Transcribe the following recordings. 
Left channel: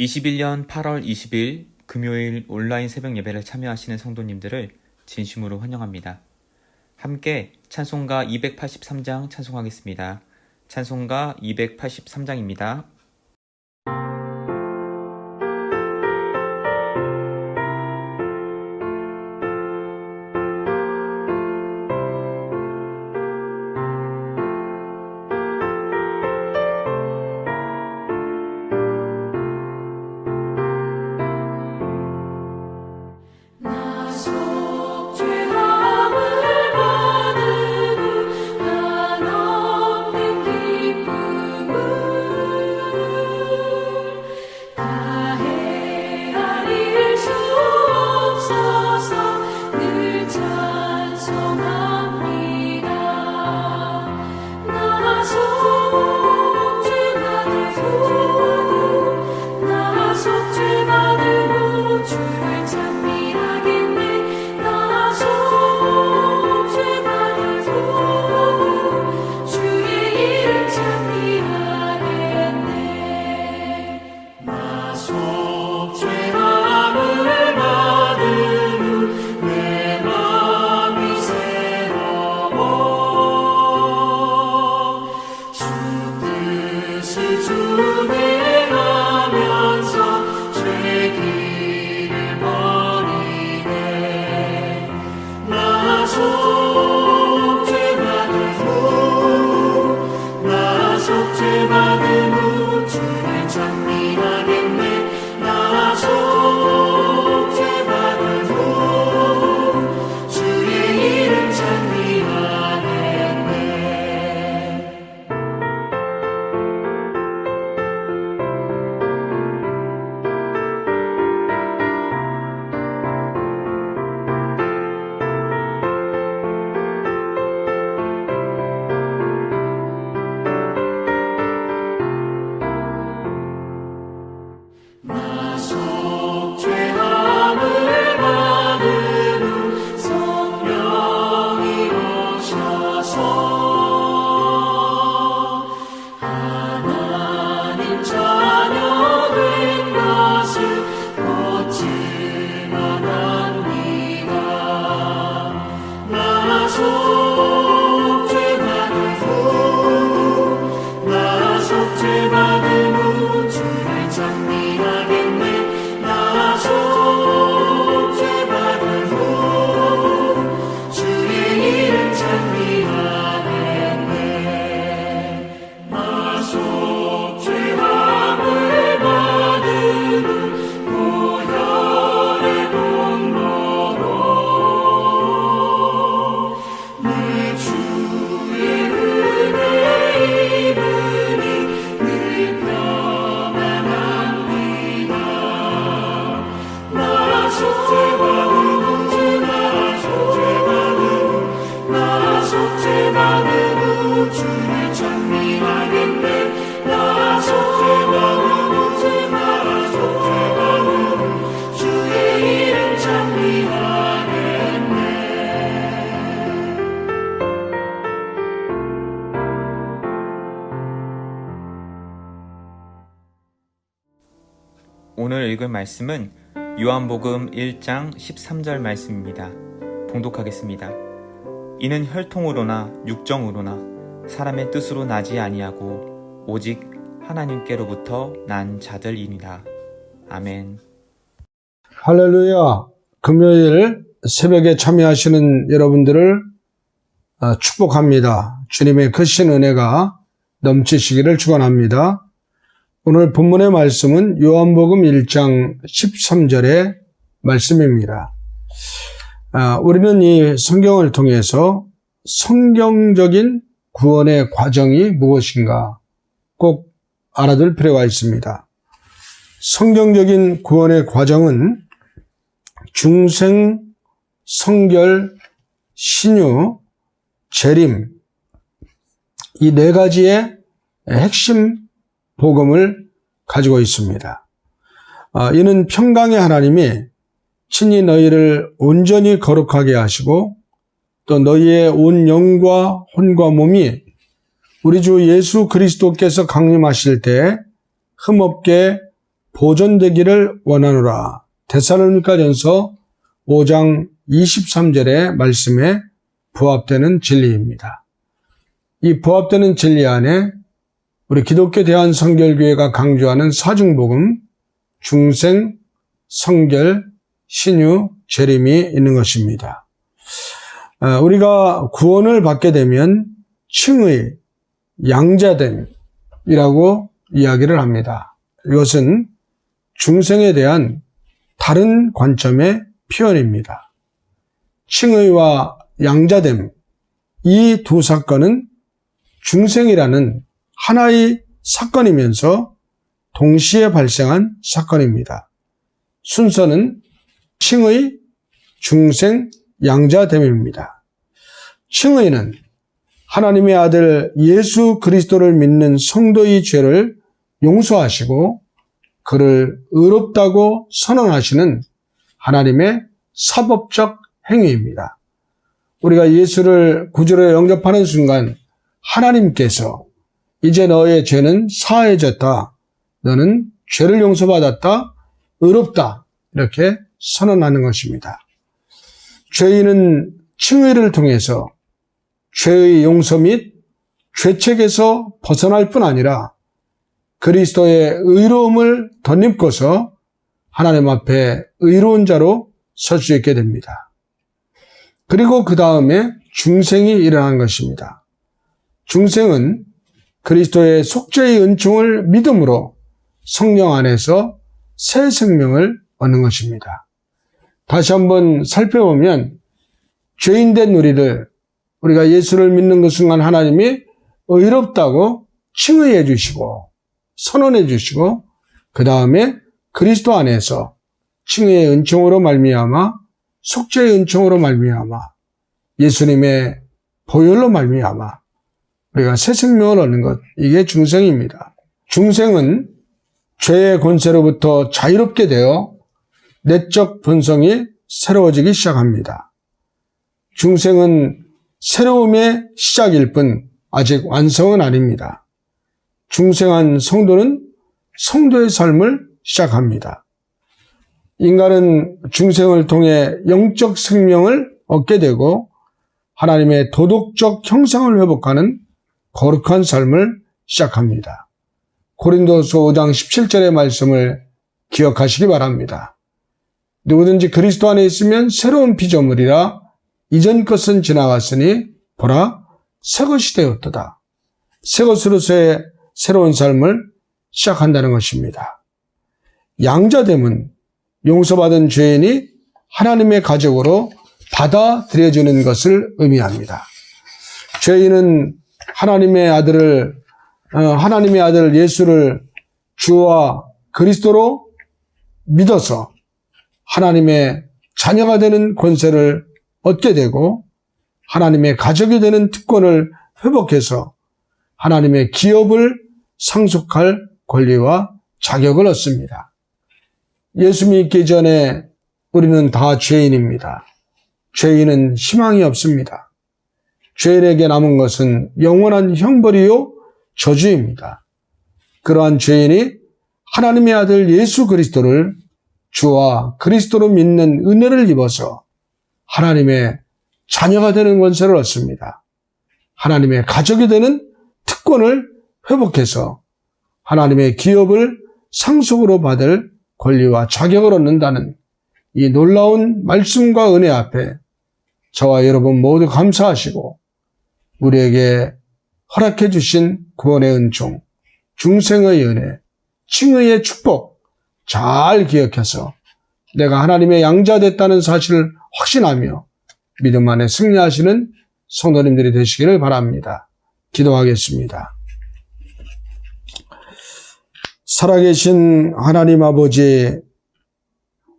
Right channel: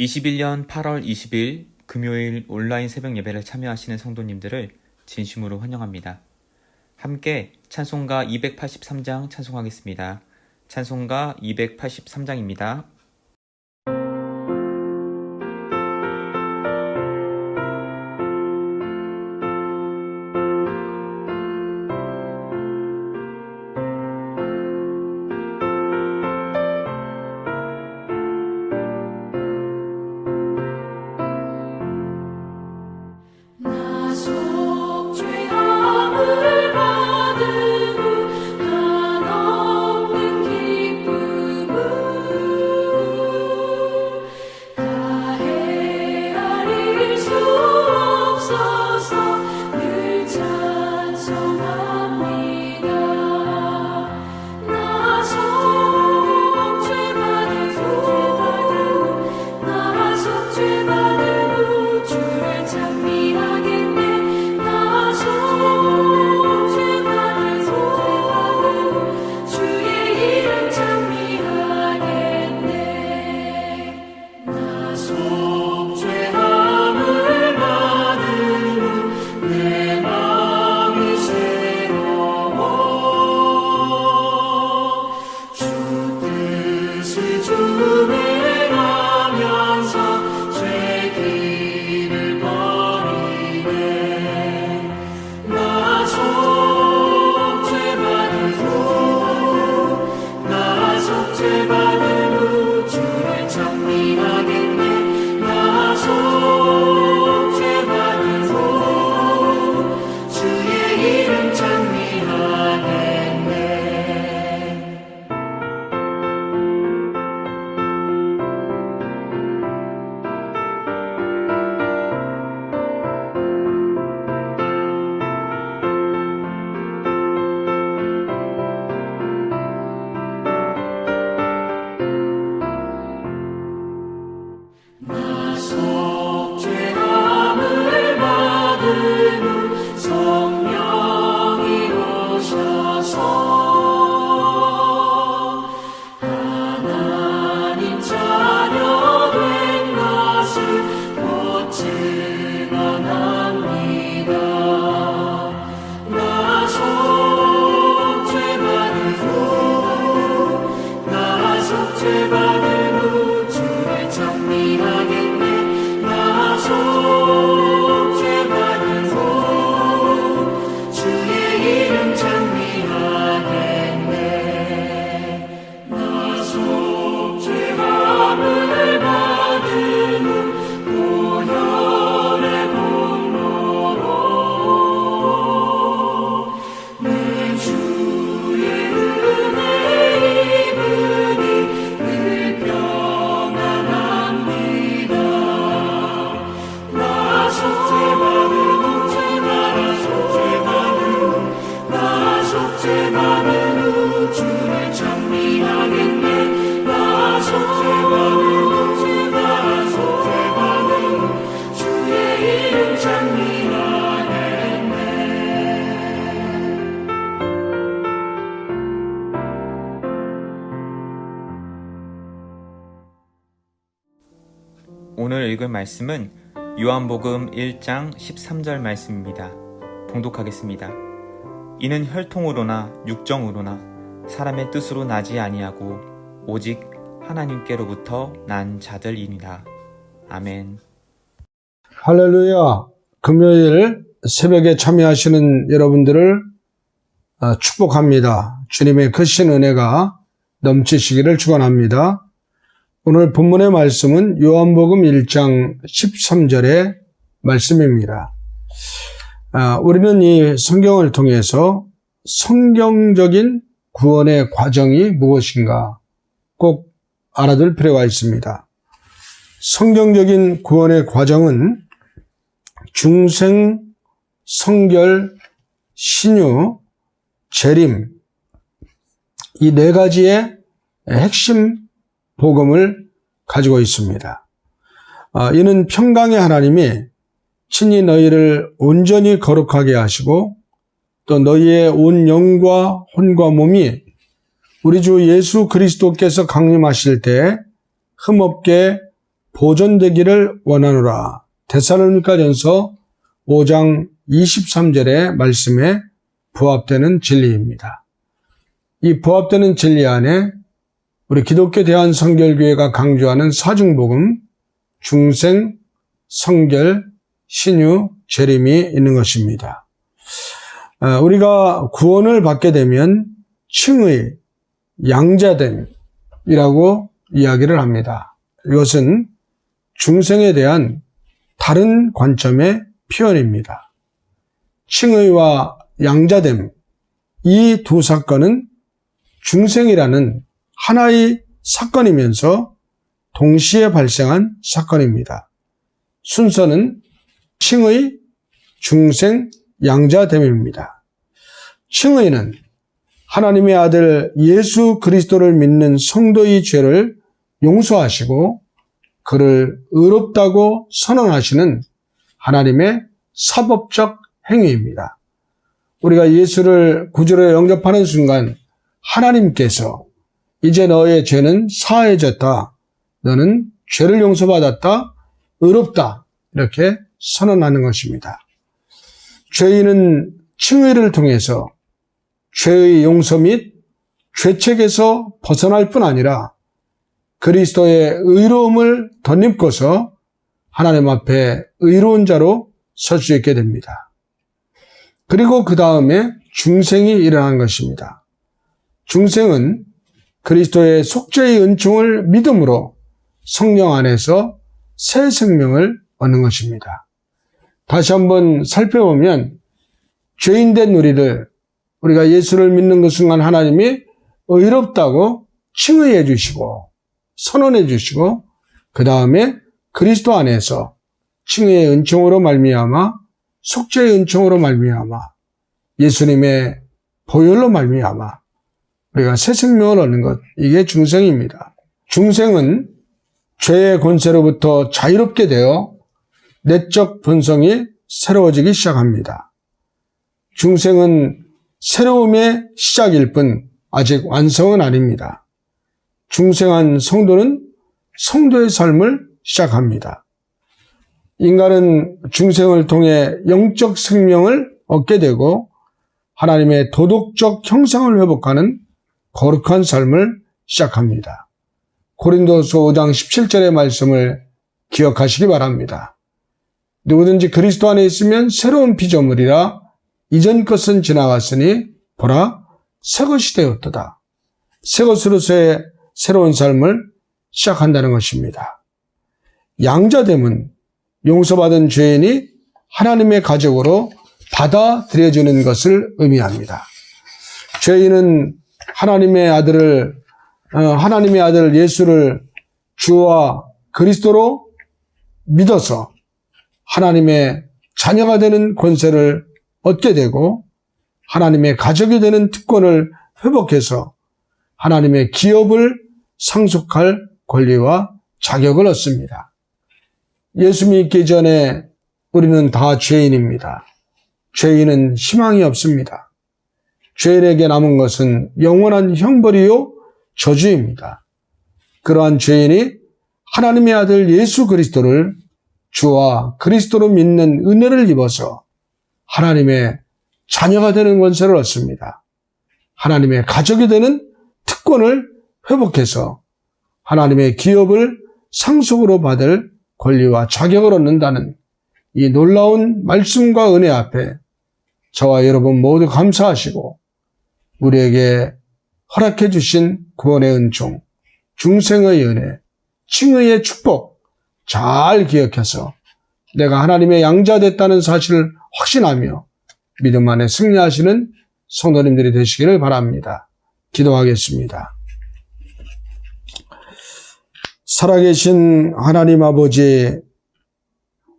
21년 8월 20일 금요일 온라인 새벽 예배를 참여하시는 성도님들을 진심으로 환영합니다. 함께 찬송가 283장 찬송하겠습니다. 찬송가 283장입니다. 오늘 읽을 말씀은 요한복음 1장 13절 말씀입니다. 봉독하겠습니다. 이는 혈통으로나 육정으로나 사람의 뜻으로 나지 아니하고 오직 하나님께로부터 난 자들이니라. 아멘. 할렐루야. 금요일 새벽에 참여하시는 여러분들을 축복합니다. 주님의 크신 은혜가 넘치시기를 축원합니다. 오늘 본문의 말씀은 요한복음 1장 13절의 말씀입니다. 우리는 이 성경을 통해서 성경적인 구원의 과정이 무엇인가 꼭 알아둘 필요가 있습니다. 성경적인 구원의 과정은 중생, 성결, 신유, 재림 이 네 가지의 핵심 복음을 가지고 있습니다. 이는 평강의 하나님이 친히 너희를 온전히 거룩하게 하시고 또 너희의 온 영과 혼과 몸이 우리 주 예수 그리스도께서 강림하실 때 흠없게 보존되기를 원하노라. 데살로니가전서 5장 23절의 말씀에 부합되는 진리입니다. 이 부합되는 진리 안에 우리 기독교 대한성결교회가 강조하는 사중복음, 중생, 성결, 신유, 재림이 있는 것입니다. 우리가 구원을 받게 되면 칭의, 양자됨이라고 이야기를 합니다. 이것은 중생에 대한 다른 관점의 표현입니다. 칭의와 양자됨, 이 두 사건은 중생이라는 하나의 사건이면서 동시에 발생한 사건입니다. 순서는 칭의, 중생, 양자됨입니다. 칭의는 하나님의 아들 예수 그리스도를 믿는 성도의 죄를 용서하시고 그를 의롭다고 선언하시는 하나님의 사법적 행위입니다. 우리가 예수를 구주로 영접하는 순간 하나님께서 이제 너의 죄는 사해졌다. 너는 죄를 용서받았다. 의롭다. 이렇게 선언하는 것입니다. 죄인은 칭의를 통해서 죄의 용서 및 죄책에서 벗어날 뿐 아니라 그리스도의 의로움을 덧입고서 하나님 앞에 의로운 자로 설 수 있게 됩니다. 그리고 그 다음에 중생이 일어난 것입니다. 중생은 그리스도의 속죄의 은총을 믿음으로 성령 안에서 새 생명을 얻는 것입니다. 다시 한번 살펴보면 죄인된 우리가 예수를 믿는 그 순간 하나님이 의롭다고 칭의해 주시고 선언해 주시고 그 다음에 그리스도 안에서 칭의의 은총으로 말미암아 속죄의 은총으로 말미암아 예수님의 보혈로 말미암아 우리가 새 생명을 얻는 것, 이게 중생입니다. 중생은 죄의 권세로부터 자유롭게 되어 내적 본성이 새로워지기 시작합니다. 중생은 새로움의 시작일 뿐 아직 완성은 아닙니다. 중생한 성도는 성도의 삶을 시작합니다. 인간은 중생을 통해 영적 생명을 얻게 되고 하나님의 도덕적 형상을 회복하는 거룩한 삶을 시작합니다. 고린도서 5장 17절의 말씀을 기억하시기 바랍니다. 누구든지 그리스도 안에 있으면 새로운 피조물이라 이전 것은 지나갔으니 보라 새 것이 되었도다. 새 것으로서의 새로운 삶을 시작한다는 것입니다. 양자됨은 용서받은 죄인이 하나님의 가족으로 받아들여지는 것을 의미합니다. 죄인은 하나님의 아들 예수를 주와 그리스도로 믿어서 하나님의 자녀가 되는 권세를 얻게 되고 하나님의 가족이 되는 특권을 회복해서 하나님의 기업을 상속할 권리와 자격을 얻습니다. 예수 믿기 전에 우리는 다 죄인입니다. 죄인은 희망이 없습니다. 죄인에게 남은 것은 영원한 형벌이요 저주입니다. 그러한 죄인이 하나님의 아들 예수 그리스도를 주와 그리스도로 믿는 은혜를 입어서 하나님의 자녀가 되는 권세를 얻습니다. 하나님의 가족이 되는 특권을 회복해서 하나님의 기업을 상속으로 받을 권리와 자격을 얻는다는 이 놀라운 말씀과 은혜 앞에 저와 여러분 모두 감사하시고 우리에게 허락해 주신 구원의 은총, 중생의 은혜, 칭의의 축복 잘 기억해서 내가 하나님의 양자됐다는 사실을 확신하며 믿음 안에 승리하시는 성도님들이 되시기를 바랍니다. 기도하겠습니다. 살아계신 하나님 아버지,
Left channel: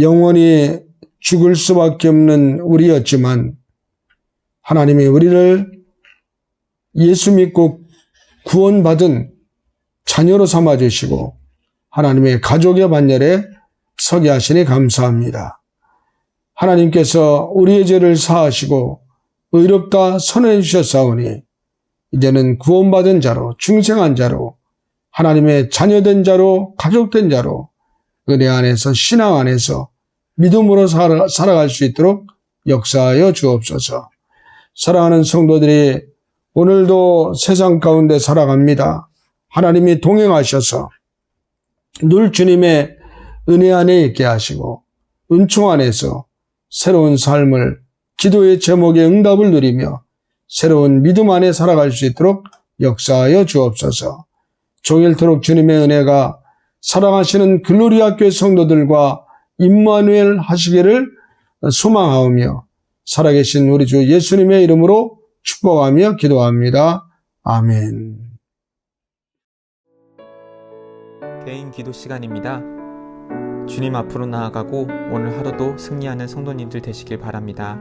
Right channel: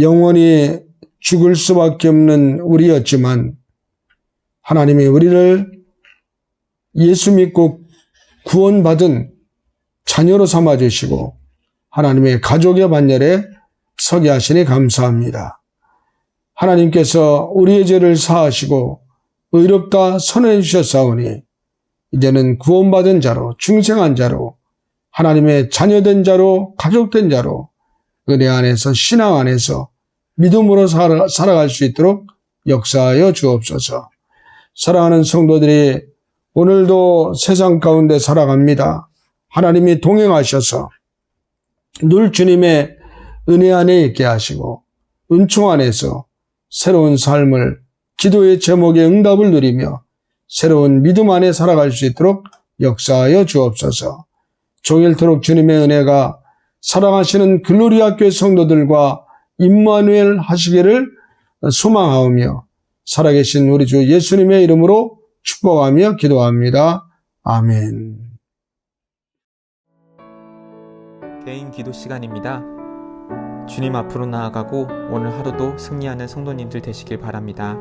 영원히 죽을 수밖에 없는 우리였지만 하나님이 우리를 예수 믿고 구원받은 자녀로 삼아주시고 하나님의 가족의 반열에 서게 하시니 감사합니다. 하나님께서 우리의 죄를 사하시고 의롭다 선언해 주셨사오니 이제는 구원받은 자로 중생한 자로 하나님의 자녀된 자로 가족된 자로 은혜 안에서 신앙 안에서 믿음으로 살아갈 수 있도록 역사하여 주옵소서. 사랑하는 성도들이 오늘도 세상 가운데 살아갑니다. 하나님이 동행하셔서 늘 주님의 은혜 안에 있게 하시고 은총 안에서 새로운 삶을 기도의 제목의 응답을 누리며 새로운 믿음 안에 살아갈 수 있도록 역사하여 주옵소서. 종일토록 주님의 은혜가 사랑하시는 글로리아 교회 성도들과 임마누엘 하시기를 소망하오며 살아계신 우리 주 예수님의 이름으로 축복하며 기도합니다. 아멘. 개인 기도 시간입니다. 주님 앞으로 나아가고 오늘 하루도 승리하는 성도님들 되시길 바랍니다.